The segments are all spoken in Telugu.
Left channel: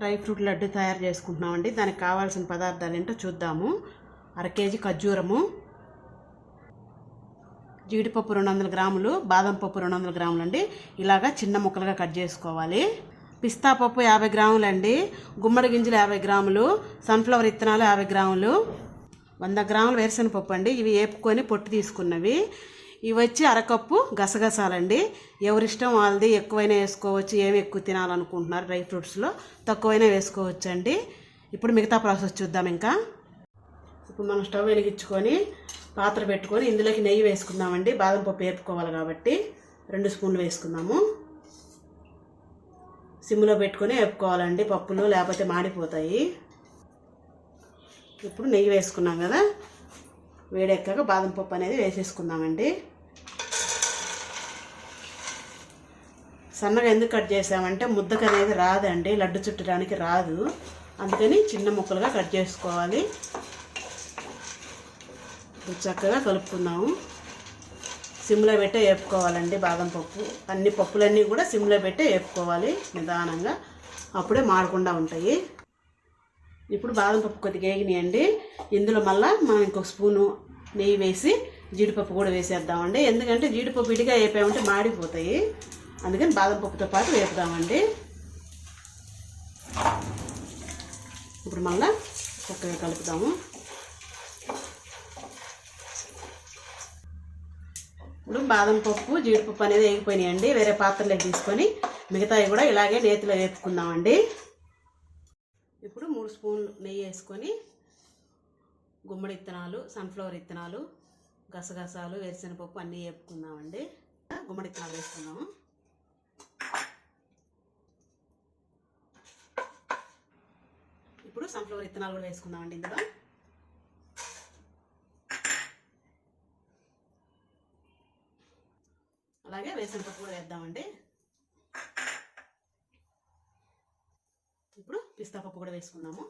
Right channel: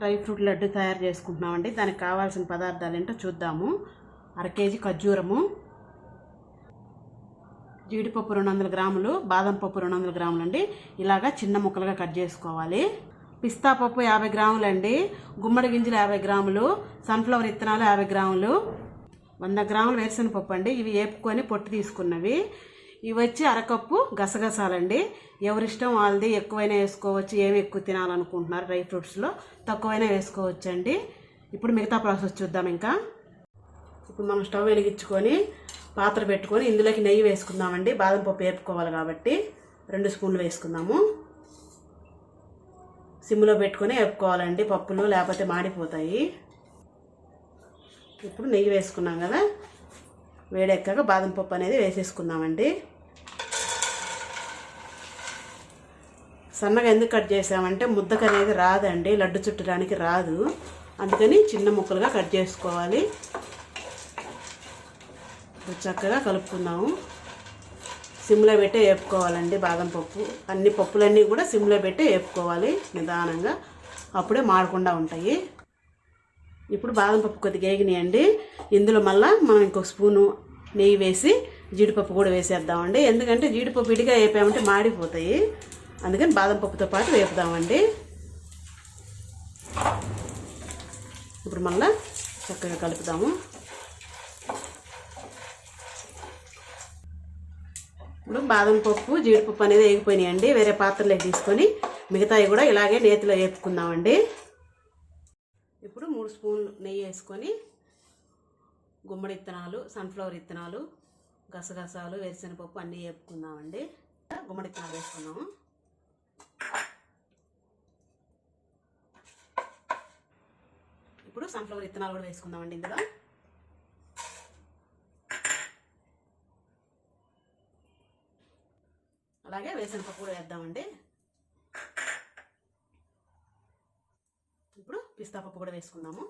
డ్రై ఫ్రూట్ లడ్డు తయారు చేసుకుంటున్నామండి. దానికి కావాల్సిన పదార్థాలు ఏంటో చూద్దాము. అర కేజీ ఖర్జూరము జీడిపప్పు రెండు వందల గ్రాములు బాదం పప్పు రెండు వందల గ్రాములు అండి ఇలాగా చిన్న ముక్కలుగా కట్ చేసుకోవాలి. పిస్తా పప్పు యాభై గ్రాములు అండి గుమ్మడి గింజలు యాభై గ్రాములు సన్ఫ్లవర్ ఇత్తనాలు యాభై గ్రాములు వంద గ్రాములు వేరుశనగ పప్పు అండి. ఇవి వేపుకొని పొట్టు తీసుకున్నవి. ఇవి వచ్చి అరకప్పు గసగసాలండి. ఎవరిష్టం వాళ్ళది ఎక్కువైనా వేసుకోవచ్చు. ఏమి ఎక్కువ తినాలనుకుంటున్నారు డ్రై ఫ్రూట్స్లో తక్కువైనా వేసుకోవచ్చు అండి ఇప్పుడు మిగతా ప్రాసెస్ చూద్దాం ఇంకా. ఇప్పుడు మనం స్టవ్ వెలిగించుకొని పాత్ర పెట్టుకొని ఇందులోకి నెయ్యి వేసుకుందామండి. బాదం పప్పు వేపుకోవాలి కాబట్టి రెండు స్పూన్లు వేసుకుందాము. సిమ్లో పెట్టుకొని వేపుకోవాలండి పప్పులు లేకపోతే మాడిపోతాయి. ఇప్పుడు నెయ్యి వేసుకున్నాం కదా వేడెక్కాక బాదం పప్పు అనేది వేసేసుకుందామండి. సన్నగా ఎందుకు కట్ చేసామంటే ముద్దకు అనేది రాదండి లడ్డు చుట్టడానికి రాదు. అందుకని చిన్న ముక్కలుగా కట్ చేసుకోవాలి. చక్కగా కలుపుకుందాము. సిమ్లో పెట్టే వేపుకోవాలండి బాదం పప్పు. అన్ని పప్పులన్నీ కూడా సిమ్లో పెట్టే వేపుకోవాలి నిదానంగా. అప్పుడే మాడకుండా ఉంటాయి. ఇప్పుడు బాదం పప్పు కొద్దిగా వేగినాయండి. ఇందులో మళ్ళీ మనం ఇంకొక స్పూను నెయ్యి వేసి జీడిపప్పు కూడా వేసేద్దామండి. ఎందుకంటే జీడిపప్పు ఇడిగా వేపామంటే మాడిపోతాయి. అందుకని బాదం పప్పుతో పాటు వేపుదామండి. ఇప్పుడు మళ్ళీ చక్కగా కలుపుదాము. ఇప్పుడు బాదం పప్పు జీడిపప్పు అనేది వేగిపోయినాయండి. వేరే పాత్రలో తీసుకొని మిగతావి కూడా ఇలాగే నేతిలో వేపుకుందామండి. ఇప్పుడు మూడు స్పూన్లు నెయ్యి వేసుకొని గుమ్మడి ఇత్తనాలు సన్ఫ్లవర్ ఇత్తనాలు గసగసాలు వేరుశనగపప్పు అన్నీ వేపుకుందామండి. గుమ్మడి ఇత్తనాలు వేసుకుందాము ఇప్పుడు సన్ఫ్లవర్ విత్తనాలు కూడా వేసుకుందామండి ఇందులో. అలాగే వేరుశనగపప్పు కూడా వేద్దామండి ఇప్పుడు పిస్తా పప్పు కూడా వేసుకుందాము.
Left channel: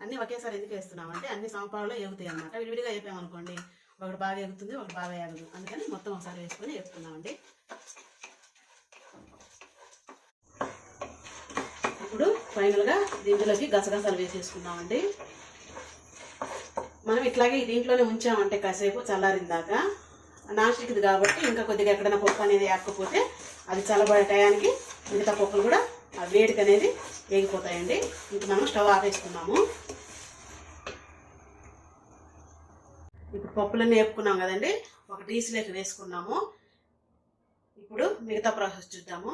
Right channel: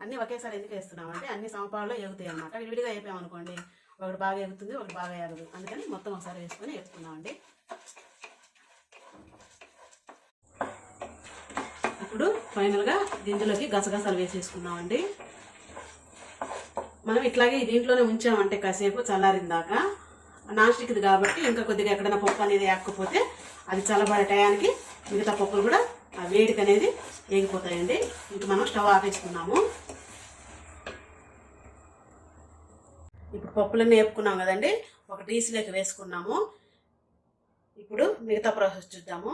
అన్నీ ఒకేసారి ఎందుకు వేస్తున్నామంటే అన్ని సమపాలలో ఎగుతాయి అనమాట విడివిడిగా వేపామనుకోండి ఒకటి బాగా ఎగుతుంది ఒకటి బాగా ఎగదు అందుకని మొత్తం ఒకసారి వేసుకొని వేపుకుందామండి ఇప్పుడు ఫైనల్గా దీంట్లోకి గసగసాలు వేసేసుకున్నామండి మనం ఇట్లాగే దీంట్లోనే ఉంచామంటే కాసేపు చల్లారిందాక. నాన్ స్టిక్ది కాబట్టి ఇంకా కొద్దిగా ఎక్కడైనా పప్పు అనేది ఎక్కకపోతే అది చల్లబడే టయానికి మిగతా పప్పులు కూడా ఆ వేడికి అనేది వేగిపోతాయండి ఇప్పుడు మనం స్టవ్ ఆపేసుకున్నాము ఇప్పుడు పప్పులన్నీ వేపుకున్నాం కదండి. ఒక డీసీలోకి వేసుకున్నాము. ఇప్పుడు మిగతా ప్రాసెస్ చూద్దాము.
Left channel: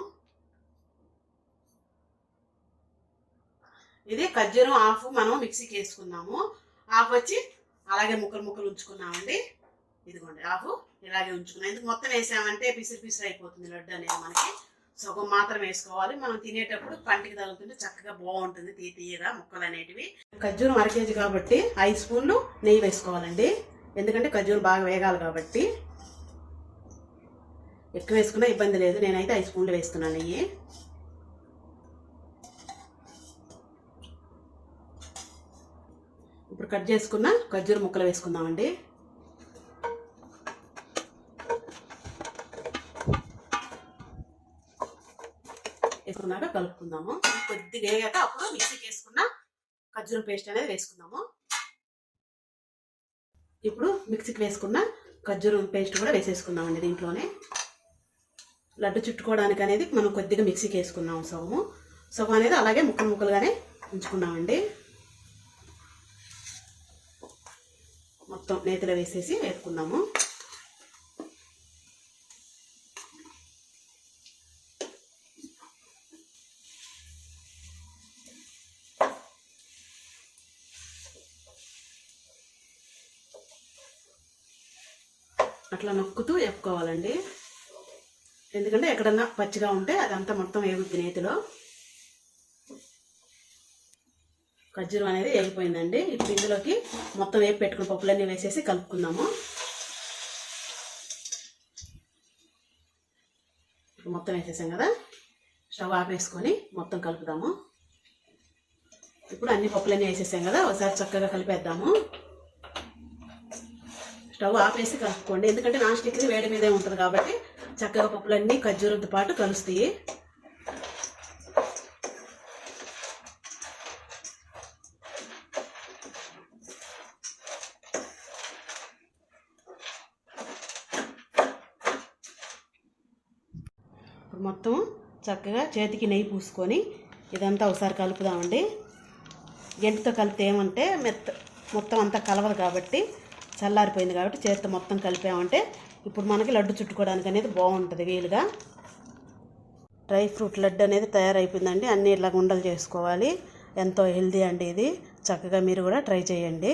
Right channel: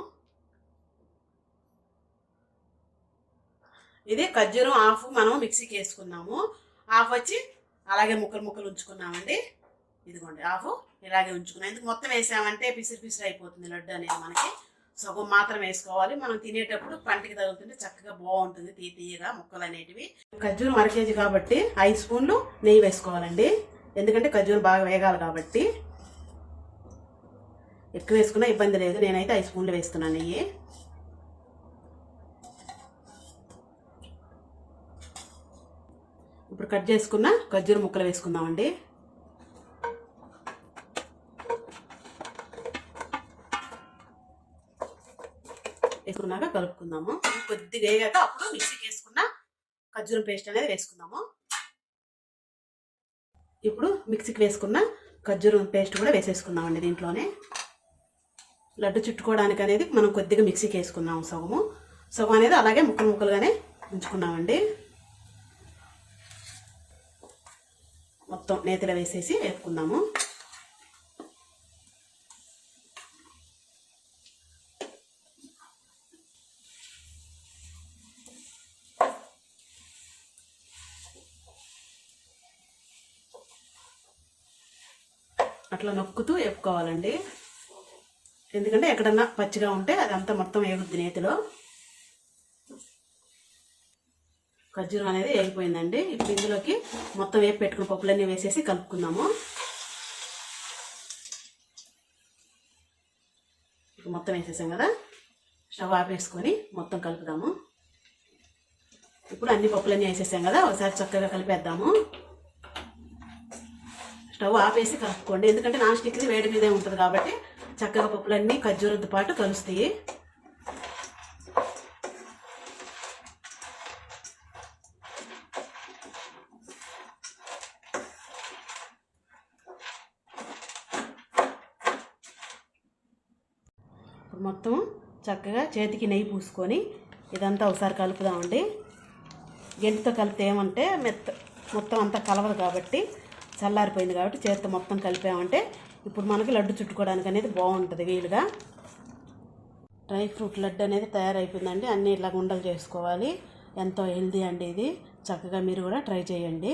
ఇది ఖర్జూరం హాఫ్ మనం మిక్సీకి వేసుకున్నాము. హాఫ్ వచ్చి అలాగే ముక్కలు ముక్కలు ఉంచుకున్నామండి. ఇదిగోండి హాఫ్ ఇలాగే ఉంచుకున్నాం. ఎందుకు మొత్తం వేసామంటే పిసిరి పిసిరి అయిపోతుంది లడ్డు అనేది మనకి. సగం మాత్రం వేసుకోవాలి. మనం తినేటప్పుడు పంటికి తగులుతుంటే చక్కగా బాగుంటుంది తీ తీయగా ముక్కలు అనేటివి. ఖర్జూరం అర కేజీ కాబట్టి ఐదు స్పూన్లు నెయ్యి వేసుకోవాలండి. ఎందుకంటే ఖర్జూరం బాగా వేగాలి కాబట్టి. ఎక్కువ వేసుకున్నా ఇబ్బంది లేదు. నేనైతే ఐదు స్పూన్లు వేస్తున్నాను నెయ్యి. ఇప్పుడు కట్ చేసుకున్న ఖర్జూర ముక్కలు వేసుకుందామండి. వేసుకున్నాక కలుపుకుందాము. కొద్దిగా వేయక అప్పుడు మిక్సీకి వేసుకున్న ఖర్జూరం పేస్ట్ అనేది వేసుకుందాము. ఇప్పుడు మిక్సీకి వేసుకున్న ఖర్జూరం పేస్ట్ కూడా వేసేసుకుందామండి దీంట్లోనే. లడ్డు చుట్టుకోవడానికి అనేది మనం కొద్దిగా మిక్సీకి వేసుకున్నాము సగము. సగం అనేది అలాగే ముక్కలు ముక్కలుగానే ఉంచుకున్నామండి మొత్తం నేతిలో వేసేసి వేపుకుందాము. అట్లా నొక్కుతూ వేపుకోవాలండి. ఎందుకంటే ఎక్కడన్నా పచ్చిగా ఉంటే అదంతా మొత్తం వేగుద్ది నేతిలో. ఖర్జూరం అనేది వేగిపోయిందండి. ఇప్పుడు ఇందులోకి మొత్తం వేపి పెట్టుకున్న పప్పులన్నీ వేసేసి కలుపుకుందాము. ఇప్పుడు మొత్తం వేసేసాం కదా. స్టవ్ ఆపేసుకొని మొత్తం కలుపుదాము. ఇప్పుడు అన్ని పప్పులన్నీ వేసేసాం కదా. ఒకసారి చక్కగా కలిపేద్దాము. స్టవ్ ఆపేసి కలుపుకోండి. ఎందుకంటే నాన్ స్టిక్ది వేడి మీదే ఉంటుంది కాబట్టి చక్కగా పప్పులన్నీ ఖర్జూరంతో పాటు కలుస్తాయి. మొత్తం చక్కగా చేతికి నెయ్యి పూసుకొని ఇదంతా ఒకసారి కలుపుదామండి. గెంటితో కలిపితే ఏమంటే మెత్త మొత్తం అంతా కలవదు కాబట్టి చల్లారిపోయింది కాబట్టి చేతితో మొత్తం కలిపామంటే ఇప్పుడు మనకి లడ్డు చుట్టుకోవడానికి అనేది బాగుంటుంది వీలుగా. డ్రై ఫ్రూట్ లడ్డు అనేది తయారైపోయిందండి. అన్నీ ఇలా ఉండలు చేసుకోవాలి. ఎంతో హెల్దీ అండి ఇది. చక్కగా మీరు కూడా ట్రై చేయండి.